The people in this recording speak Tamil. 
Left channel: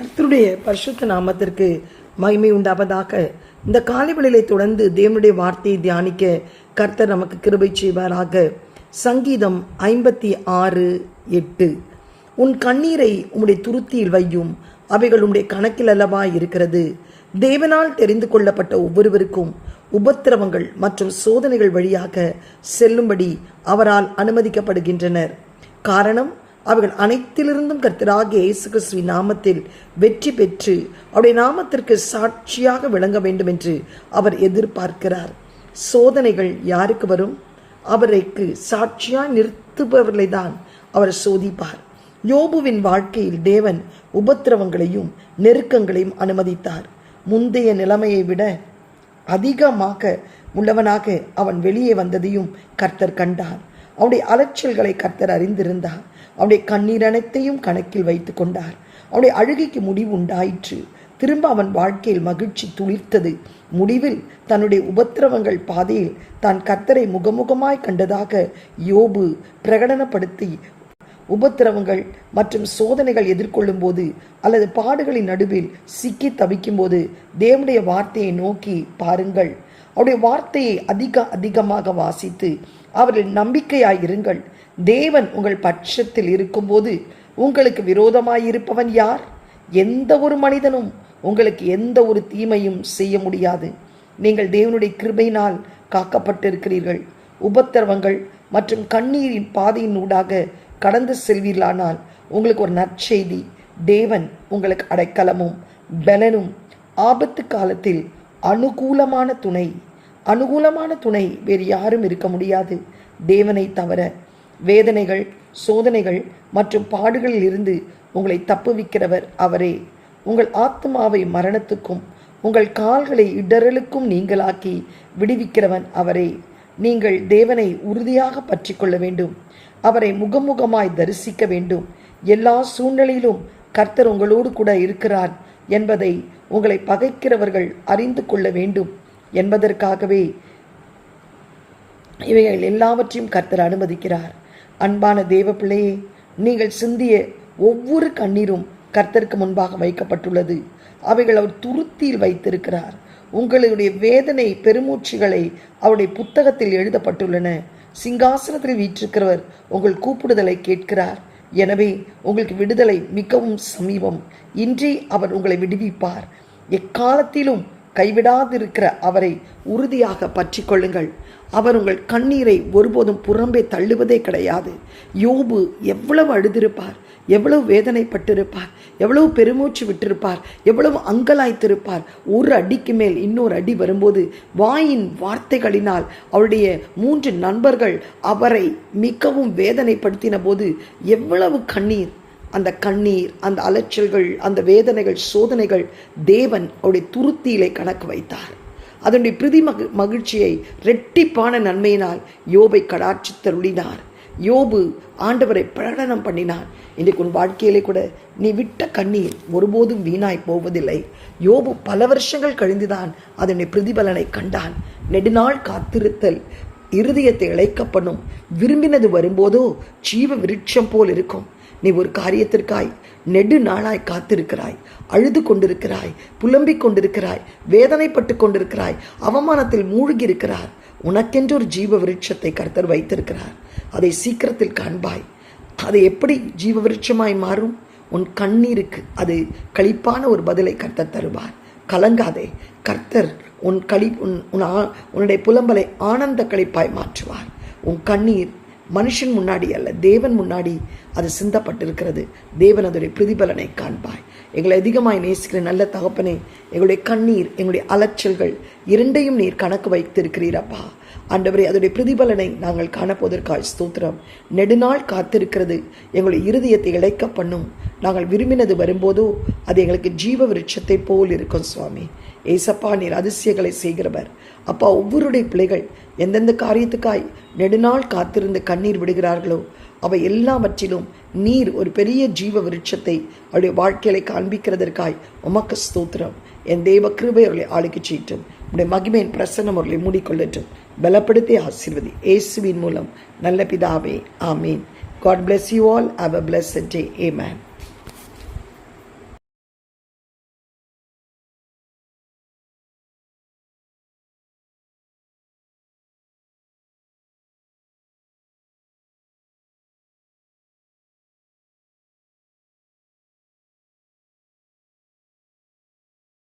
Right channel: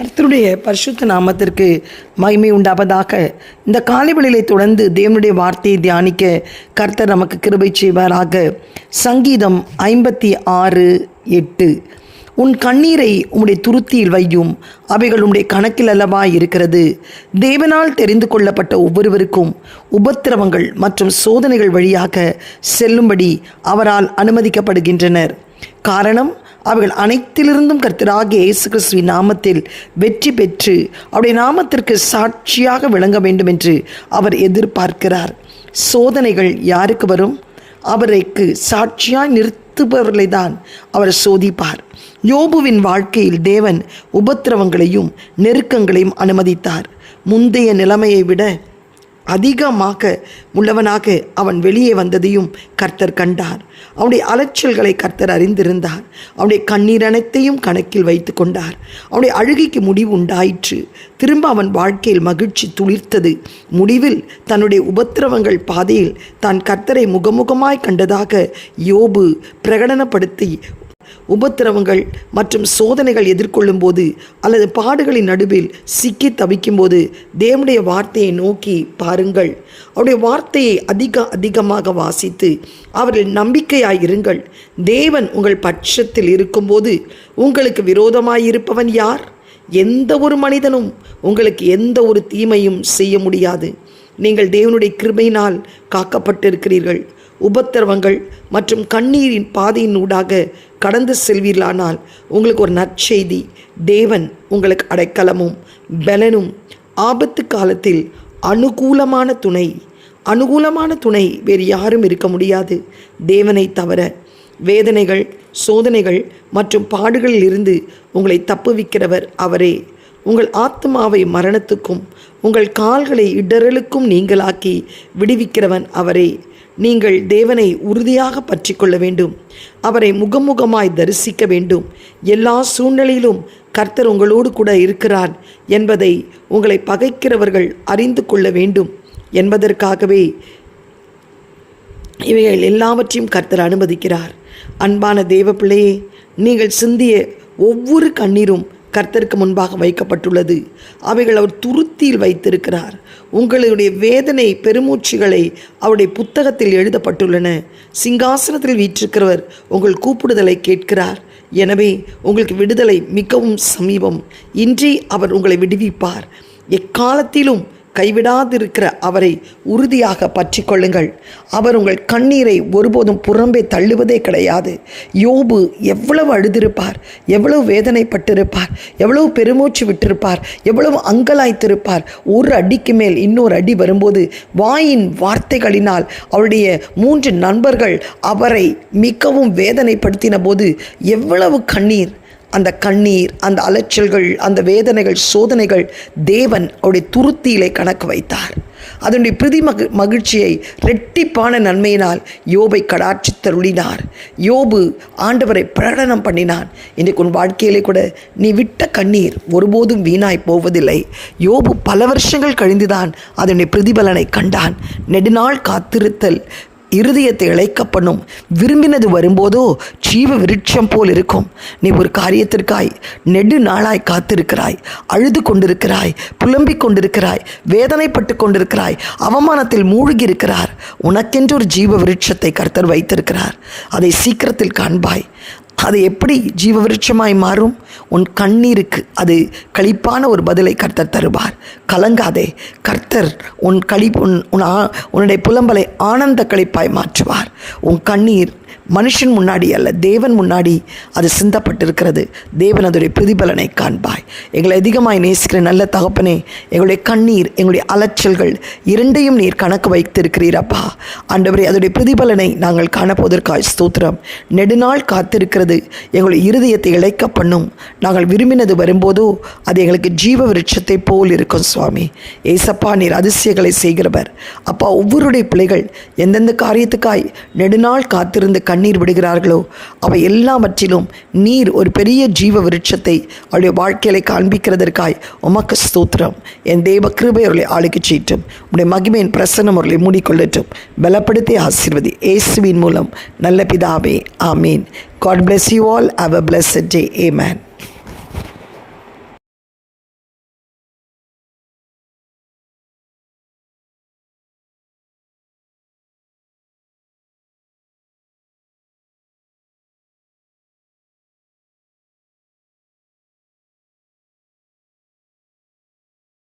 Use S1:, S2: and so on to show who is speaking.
S1: கர்த்தருடைய பரிசுத்த நாமத்திற்கு மகிமை உண்டாவதாக. இந்த காலைவெளியிலே தொடர்ந்து தேவனுடைய வார்த்தையை தியானிக்க கர்த்தர் நமக்கு கிருபை செய்வாராக. சங்கீதம் ஐம்பத்தி ஆறு எட்டு. உன் கண்ணீரை உம்முடைய துருத்தியில் வையும் அவைகள் உம்முடைய கணக்கில் அல்லவா இருக்கிறது. தேவனால் தெரிந்து கொள்ளப்பட்ட ஒவ்வொருவருக்கும் உபத்திரவங்கள் மற்றும் சோதனைகள் வழியாக செல்லும்படி அவரால் அனுமதிக்கப்படுகின்றனர். காரணம் அவர்கள் அனைத்திலிருந்தும் கர்த்தராகிய இயேசு கிறிஸ்துவின் நாமத்தில் வெற்றி பெற்று அவருடைய நாமத்திற்கு சாட்சியாக விளங்க வேண்டும் என்று அவர் எதிர்பார்க்கிறார். சோதனைகள் யாருக்கு வரும்? அவரைக்கு சாட்சியாய் நிறுத்துபவர்களை தான் அவர் சோதிப்பார். யோபுவின் வாழ்க்கையில் தேவன் உபத்திரவங்களையும் நெருக்கங்களையும் அனுமதித்தார். முந்தைய நிலைமையை விட அதிகமாக உள்ளவனாக அவன் வெளியே வந்ததையும் கர்த்தர் கண்டார். அவனுடைய அலைச்சல்களை கர்த்தர் அறிந்திருந்தார். அவனுடைய கண்ணீர் அனைத்தையும் கணக்கில் வைத்து கொண்டார். அவனுடைய அழுகைக்கு முடிவு உண்டாயிற்று. திரும்ப அவன் வாழ்க்கையில் மகிழ்ச்சி துளிர்த்தது. முடிவில் தன்னுடைய உபத்திரவங்கள் பாதையில் தான் கர்த்தரை முகமுகமாய் கண்டதாக யோபு பிரகடனப்படுத்தி உபத்திரவங்கள் மற்றும் சோதனைகள் எதிர்கொள்ளும் போது அல்லது பாடுகளின் நடுவில் சிக்கி தவிக்கும் போது தேவனுடைய வார்த்தையை நோக்கி பாருங்கள். அவருடைய வார்த்தையை அதிக அதிகமாக வாசித்து அவர்கள் நம்பிக்கையாய் இருங்கள். தேவன் உங்கள் பட்சத்தில் இருக்கும்போது உங்களுக்கு விரோதமாயிருப்பவன் யார்? எந்த ஒரு மனிதனும் உங்களுக்கு எந்த ஒரு தீமையும் செய்ய முடியாது. நீங்கள் தேவனுடைய கிருபையினால் காக்கப்பட்டிருக்கிறீர்கள். உபத்திரவங்கள் மற்றும் கண்ணீரின் பாதையின் ஊடாக கடந்து செல்வீர்களானால் உங்களுக்கு ஒரு நற்செய்தி. தேவன் உங்களுக்கு அடைக்கலமும் பலனும் ஆபத்து காலத்தில் அனுகூலமான துணை. அனுகூலமான துணை வேறு யாரும் இருக்க முடியாது. தேவனை தவிர வேதனைகள் சோதனைகள் மற்றும் பாடுகளில் இருந்து உங்களை தப்புவிக்கிறவர் அவரே. உங்கள் ஆத்மாவை மரணத்துக்கும் உங்கள் கால்களை இடரலுக்கும் நீங்களாக்கி விடுவிக்கிறவன் அவரே. நீங்கள் தேவனை உறுதியாக பற்றி கொள்ள வேண்டும். அவரை முகமுகமாய் தரிசிக்க வேண்டும். எல்லா சூழ்நிலையிலும் கர்த்தர் உங்களோடு கூட இருக்கிறார் என்பதை உங்களை பகைக்கிறவர்கள் அறிந்து கொள்ள வேண்டும். என்பதற்காகவே இவைகள் எல்லாவற்றையும் கர்த்தர் அனுமதிக்கிறார். அன்பான தேவ பிள்ளையே நீங்கள் சிந்திய ஒவ்வொரு கண்ணீரும் கர்த்தருக்கு முன்பாக வைக்கப்பட்டுள்ளது. அவைகள் அவர் துருத்தியில் வைத்திருக்கிறார். உங்களுடைய வேதனை பெருமூச்சுகளை அவருடைய புத்தகத்தில் எழுதப்பட்டுள்ளன. சிங்காசனத்தில் வீற்றிருக்கிறவர் உங்கள் கூப்பிடுதலை கேட்கிறார். எனவே உங்களுக்கு விடுதலை மிகவும் சமீபம். இன்றி அவர் உங்களை விடுவிப்பார். எக்காலத்திலும் கைவிடாதிருக்கிற அவரை உறுதியாக பற்றி கொள்ளுங்கள் அவர் உங்கள் கண்ணீரை ஒருபோதும் புறம்பே தள்ளுவதே கிடையாது. யோபு எவ்வளவு அழுதிருப்பார் எவ்வளவு வேதனைப்பட்டிருப்பார் எவ்வளவு பெருமூச்சு விட்டிருப்பார் எவ்வளவு அங்கலாய்த்திருப்பார். ஒரு அடிக்கு மேல் இன்னொரு அடி வரும்போது வாயின் வார்த்தைகளினால் அவருடைய மூன்று நண்பர்கள் அவரை மிகவும் வேதனைப்படுத்தின போது எவ்வளவு கண்ணீர் அந்த கண்ணீர் அந்த அலைச்சல்கள் அந்த வேதனைகள் சோதனைகள் தேவன் அவருடைய துருத்தியிலே கணக்கு வைத்தார். அதனுடைய பிரதி மகி மகிழ்ச்சியை ரெட்டிப்பான நன்மையினால் யோபை கடாட்சி தருளினார் யோபு ஆண்டவரை பிரகடனம் பண்ணினான். இன்றைக்கு உன் வாழ்க்கையிலே கூட நீ விட்ட கண்ணீர் ஒருபோதும் வீணாய் போவதில்லை. யோபு பல வருஷங்கள் கழிந்துதான் அதனுடைய பிரதிபலனை கண்டான். நெடுநாள் காத்திருத்தல் இருதயத்தை இழைக்க பண்ணும் விரும்பினது வரும்போதோ ஜீவ விருட்சம் போல் இருக்கும். நீ ஒரு காரியத்திற்காய் நெடு நாளாய் காத்திருக்கிறாய். அழுது கொண்டிருக்கிறாய். புலம்பிக் கொண்டிருக்கிறாய். வேதனைப்பட்டு கொண்டிருக்கிறாய். அவமானத்தில் மூழ்கி இருக்கிறார் உனக்கென்று ஒரு ஜீவ விருட்சத்தை கர்த்தர் வைத்திருக்கிறார். அதை சீக்கிரத்தில் காண்பாய். அது எப்படி ஜீவ விருட்சமாய் மாறும்? உன் கண்ணீருக்கு அது களிப்பான ஒரு பதிலை கர்த்தர் தருவார். கலங்காதே கர்த்தர் உன் களி உன் உன் ஆ- உன்னுடைய புலம்பலை ஆனந்த கழிப்பாய் மாற்றுவார். உன் கண்ணீர் மனுஷன் முன்னாடி அல்ல தேவன் முன்னாடி அது சிந்தப்பட்டிருக்கிறது. தேவன் அதோடைய பிரதிபலனை காண்பாய். எங்களை அதிகமாய் நேசிக்கிற நல்ல தகப்பனே எங்களுடைய கண்ணீர் எங்களுடைய அலைச்சல்கள் இரண்டையும் நீர் கணக்கு வைத்திருக்கிறீரப்பா ஆண்டவரே அதோடைய பிரதிபலனை நாங்கள் காணப்போவதற்காய் ஸ்தோத்திரம். நெடுநாள் காத்திருக்கிறது. எங்களுடைய இருதயத்தை இழைக்க பண்ணும் நாங்கள் விரும்பினது வரும்போதோ அது எங்களுக்கு ஜீவ விருட்சத்தை போல் இருக்கும் சுவாமி. ஏசப்பா நீர் அதிசயங்களை செய்கிறவர். அப்பா ஒவ்வொருடைய பிள்ளைகள் எந்தெந்த காரியத்துக்காய் நெடுநாள் காத்திருந்து கண்ணீர் விடுகிறார்களோ அவை எல்லாவற்றிலும் நீர் ஒரு பெரிய ஜீவ விருட்சத்தை அவருடைய வாழ்க்கையில காண்பிக்கிறதற்காய் உமக்கு ஸ்தோத்திரம். என் தேவ கிருபை அவர்களை ஆளுக்கு செய்யட்டும். உடைய மகிமையின் பிரசன்னம் அவர்களை மூடிக்கொள்ளட்டும். பலப்படுத்தி ஆசீர்வதி. இயேசுவின் மூலம் நல்ல பிதாவே ஆமீன். God bless you all. Have a blessed day. Amen.